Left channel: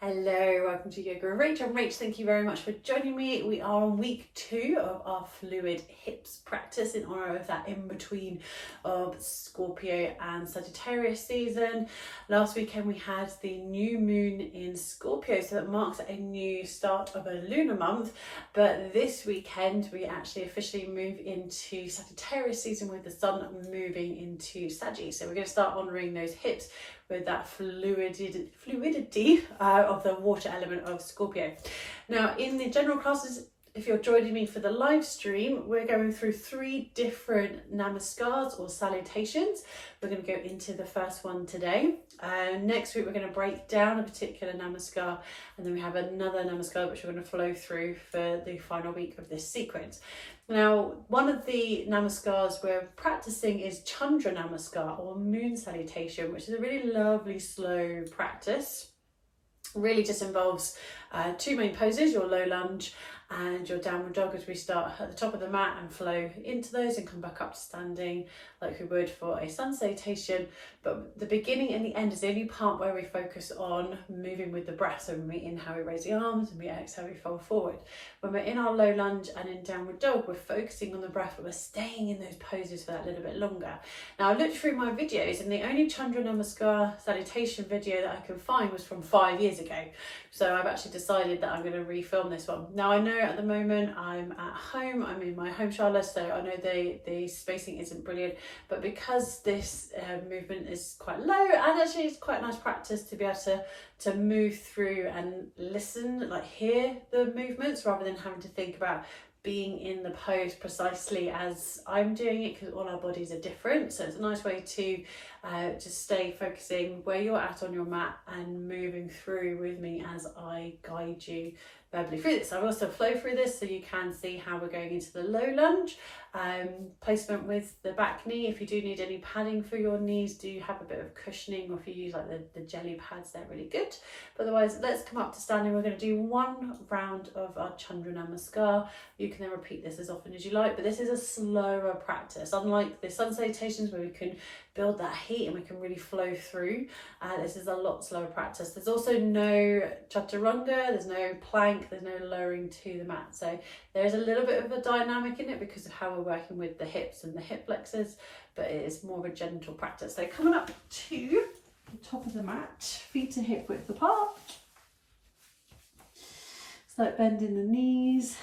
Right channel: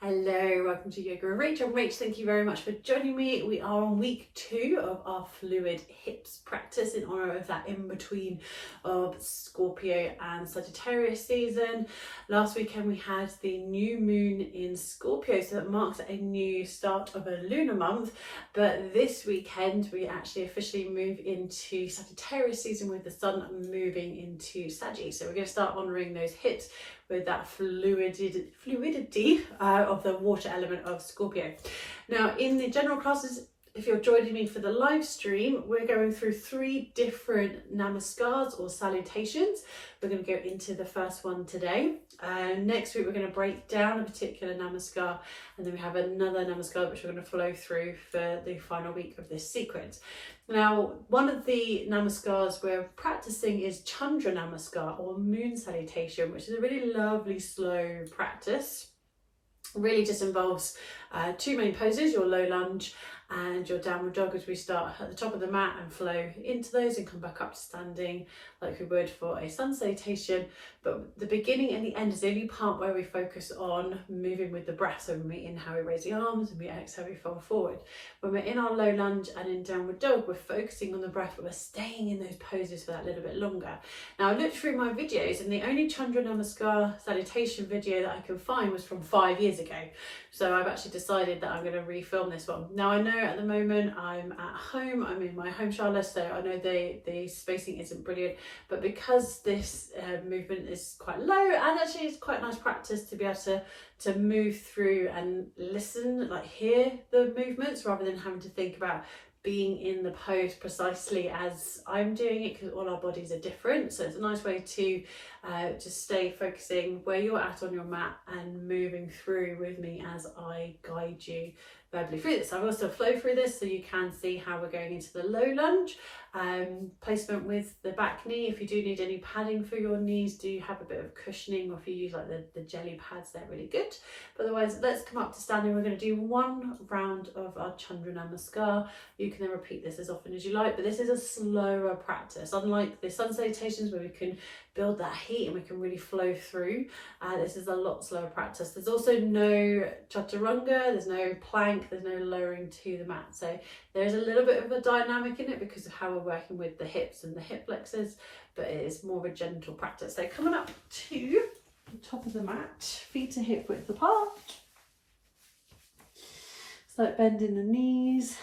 Hello, welcome to Yoga with Rach. I'm Rach. Thank you very much for joining me. We are on week 2 of our fluid hips practice in honour of that in-between of Scorpio and Sagittarius season. Last weekend we had the new moon in Scorpio, so that marks a new start of a lunar month. But this weekend we actually officially move into Sagittarius season with the sun moving into Sagittarius. So we're going to start honouring those hips with that fluidity of the water element of Scorpio. Now, in the general classes, if you're joining me for the live stream, we're going through 3 different namaskars or salutations. We're going to go into the first one today. Next week, we're going to break down a particular namaskar, and then we have another namaskar which we're going to flow through for the final week of this sequence. Now, one of the namaskars we're practicing is Chandra Namaskar or moon salutation, which is a really lovely slow practice. Really just involves 2 main poses, your low lunge and your downward dog, as we start at the top of the mat and flow into those and come back up to standing like we would for a sun salutation. But the beginning and the end is the only part where we focus on moving with the breath. So when we inhale, we raise the arms, and we exhale, we fold forward. When we're in our low lunge and in downward dog, we're focusing on the breath, but we're staying in those poses for that little bit longer. Now, I looked through my videos, and the only Chandra Namaskar salutation video that I could find was from 5 years ago. So I've actually decided that I'm going to refilm this one. Now, I know at the moment I'm at home, I'm in my home shower, so I know the spacing isn't brilliant, but because this movement is quite low, and actually it's quite nice practice to be able to move through and listen, like hear the movements rather than having to think about being in the pose precisely as I'm doing it, because all our bodies are different. So it's a nice way to just stay focusing where you're at on your mat and moving through with me as I guide you verbally through this. I've also flow through this so you can see how we're going into the low lunge. Placement with the back knee. If you do need any padding for your knees, do have a bit of cushioning, or if you use like the jelly pads, they're really good. But otherwise, let's come up to standing. We're going to do 1 round of our Chandra Namaskar. You can then repeat this as often as you like, but this is a slower practice. Unlike the sun salutations where we can build that heat and we can really flow through, this is a lot slower practice. There's also no chaturanga, there's no plank, there's no lowering to the mat. So there's a little bit of a dynamic in it because of how we're working with the hips and the hip flexors, but it is more of a gentle practice. So coming up to the top of the mat, feet are hip width apart. Slight bend in the knees,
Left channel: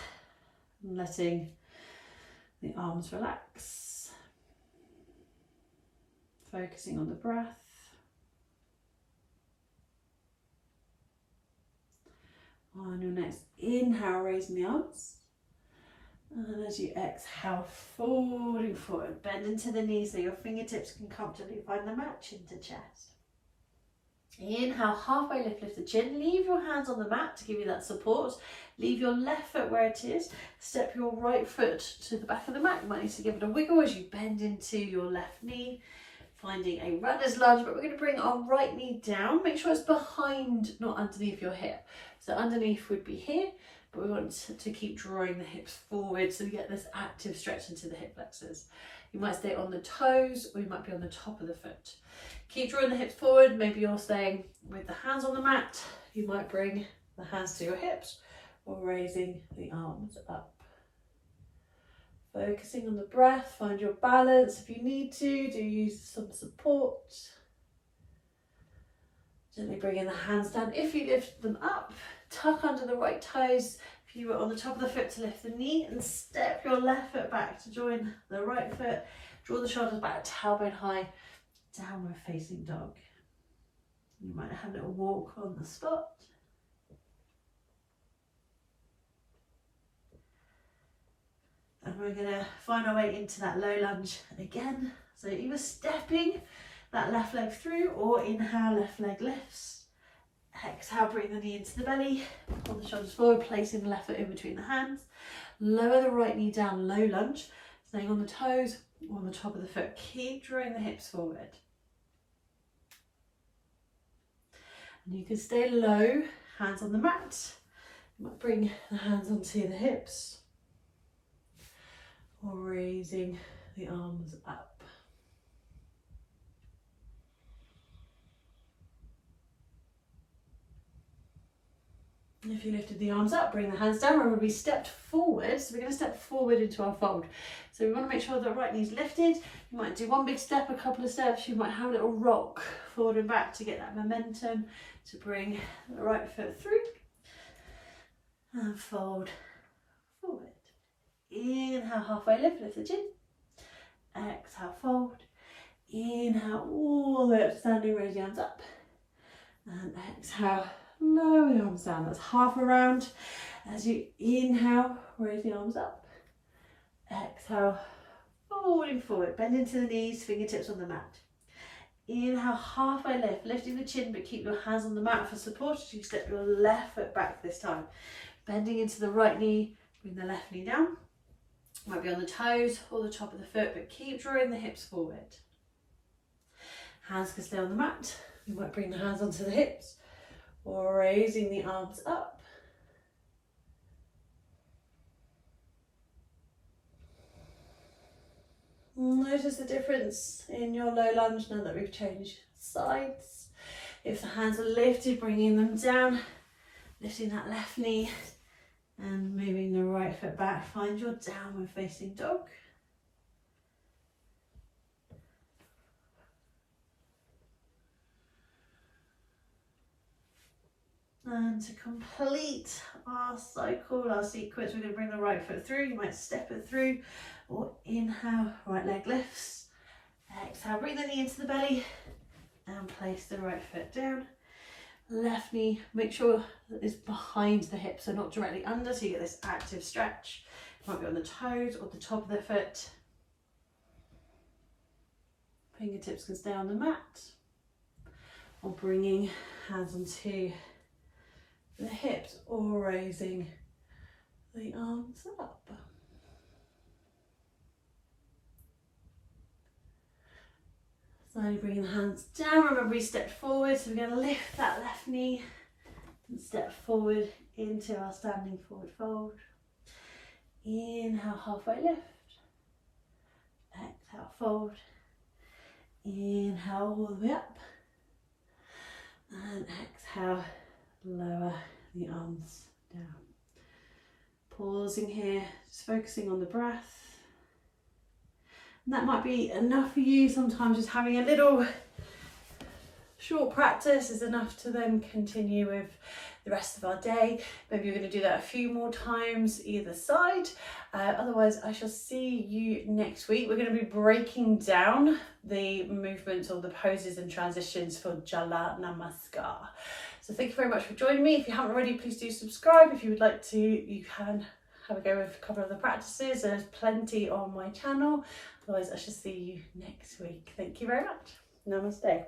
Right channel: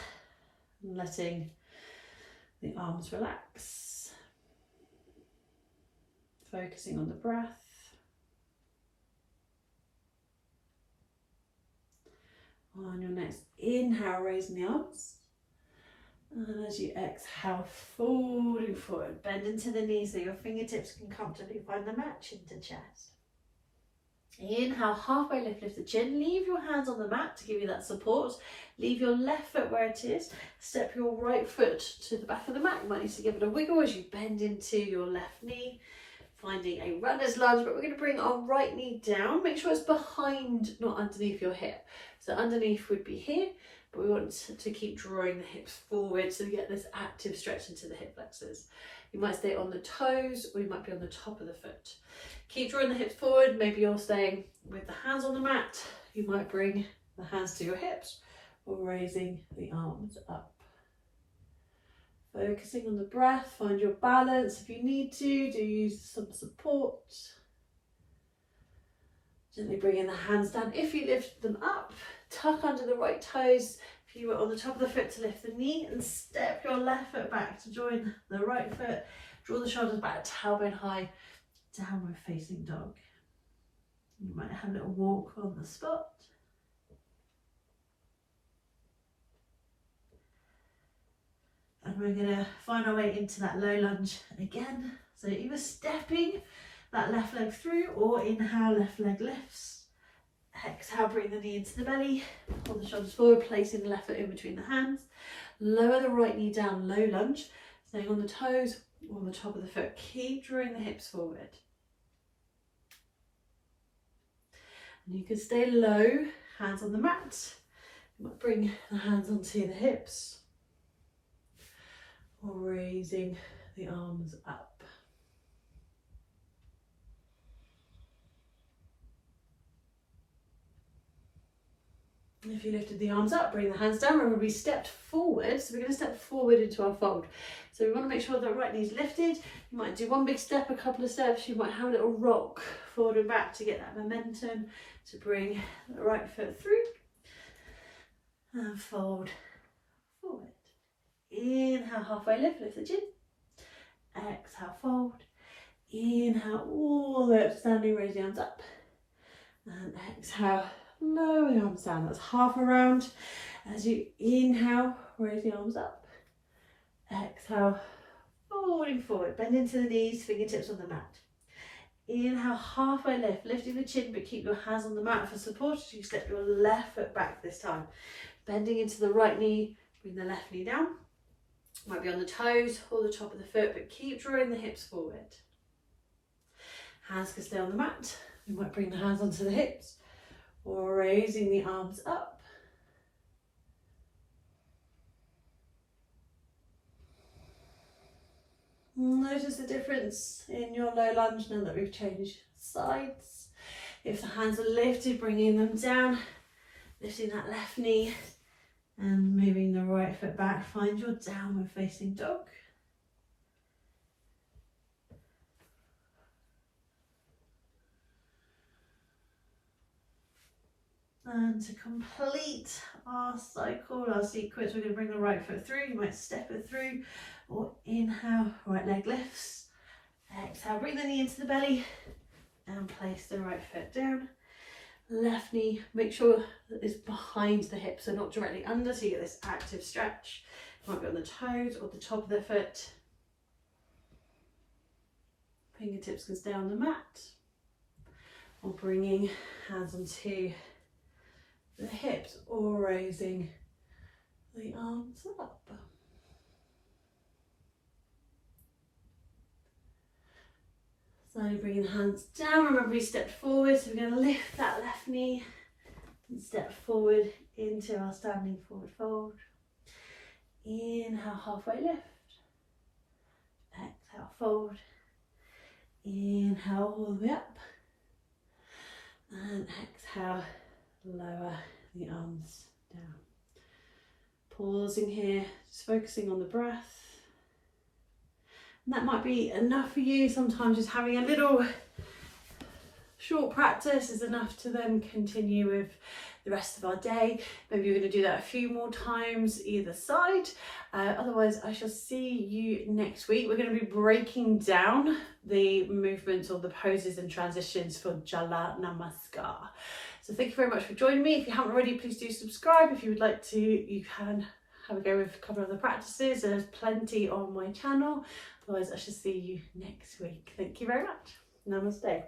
and letting the arms relax. Focusing on the breath. On your next inhale, raising the arms. And as you exhale, folding forward, bend into the knees so your fingertips can comfortably find the mat, chin to chest. Inhale, halfway lift the chin. Leave your hands on the mat to give you that support. Leave your left foot where it is. Step your right foot to the back of the mat. You might need to give it a wiggle as you bend into your left knee. Finding a runner's lunge, but we're going to bring our right knee down. Make sure it's behind, not underneath your hip. So underneath would be here, but we want to keep drawing the hips forward so we get this active stretch into the hip flexors. You might stay on the toes, or you might be on the top of the foot. Keep drawing the hips forward. Maybe you're staying with the hands on the mat. You might bring the hands to your hips or raising the arms up. Focusing on the breath, find your balance. If you need to, do use some support. Gently bringing the hands down. If you lift them up, tuck under the right toes. If you were on the top of the foot, to lift the knee and step your left foot back to join the right foot. Draw the shoulders back, tailbone high, downward facing dog. You might have a little walk on the spot. And we're going to find our way into that low lunge again. So either stepping that left leg through, or inhale, left leg lifts. Exhale, bring the knee into the belly. Pull the shoulders forward, placing the left foot in between the hands. Lower the right knee down, low lunge. Staying on the toes or on the top of the foot. Keep drawing the hips forward. And you can stay low, hands on the mat. You might bring the hands onto the hips, or raising the arms up. If you lifted the arms up, bring the hands down. Remember, we stepped forward, so we're going to step forward into our fold. So we want to make sure that right knee's lifted. You might do one big step, a couple of steps. You might have a little rock forward and back to get that momentum, to bring the right foot through and fold forward. Inhale, halfway lift, lift the chin. Exhale, fold. Inhale, all the way up to standing, raise the arms up. And exhale, lower the arms down. That's half a round. As you inhale, raise the arms up. Exhale, folding forward, bend into the knees, fingertips on the mat. Inhale, halfway lift, lifting the chin, but keep your hands on the mat for support as you step your left foot back this time. Bending into the right knee, bring the left knee down. Might be on the toes or the top of the foot, but keep drawing the hips forward. Hands can stay on the mat. You might bring the hands onto the hips or raising the arms up. Notice the difference in your low lunge now that we've changed sides. If the hands are lifted, bringing them down, lifting that left knee and moving the right foot back. Find your downward facing dog. And to complete our cycle, our sequence, we're going to bring the right foot through. You might step it through, or inhale, right leg lifts. Exhale, bring the knee into the belly and place the right foot down. Left knee, make sure that it's behind the hips, so not directly under, so you get this active stretch. It might be on the toes or the top of the foot. Fingertips can stay on the mat, or bringing hands onto the hips or raising the arms up. Slowly bringing the hands down. Remember, we stepped forward, so we're going to lift that left knee and step forward into our standing forward fold. Inhale, halfway lift. Exhale, fold. Inhale, all the way up. And exhale, lower the arms down. Pausing here, just focusing on the breath. And that might be enough for you. Sometimes just having a little short practice is enough to then continue with the rest of our day. Maybe you're going to do that a few more times either side. Otherwise, I shall see you next week. We're going to be breaking down the movements or the poses and transitions for Chandra Namaskar. So thank you very much for joining me. If you haven't already, please do subscribe. If you would like to, you can have a go with a couple of the practices. There's plenty on my channel. Otherwise, I shall see you next week. Thank you very much. Namaste.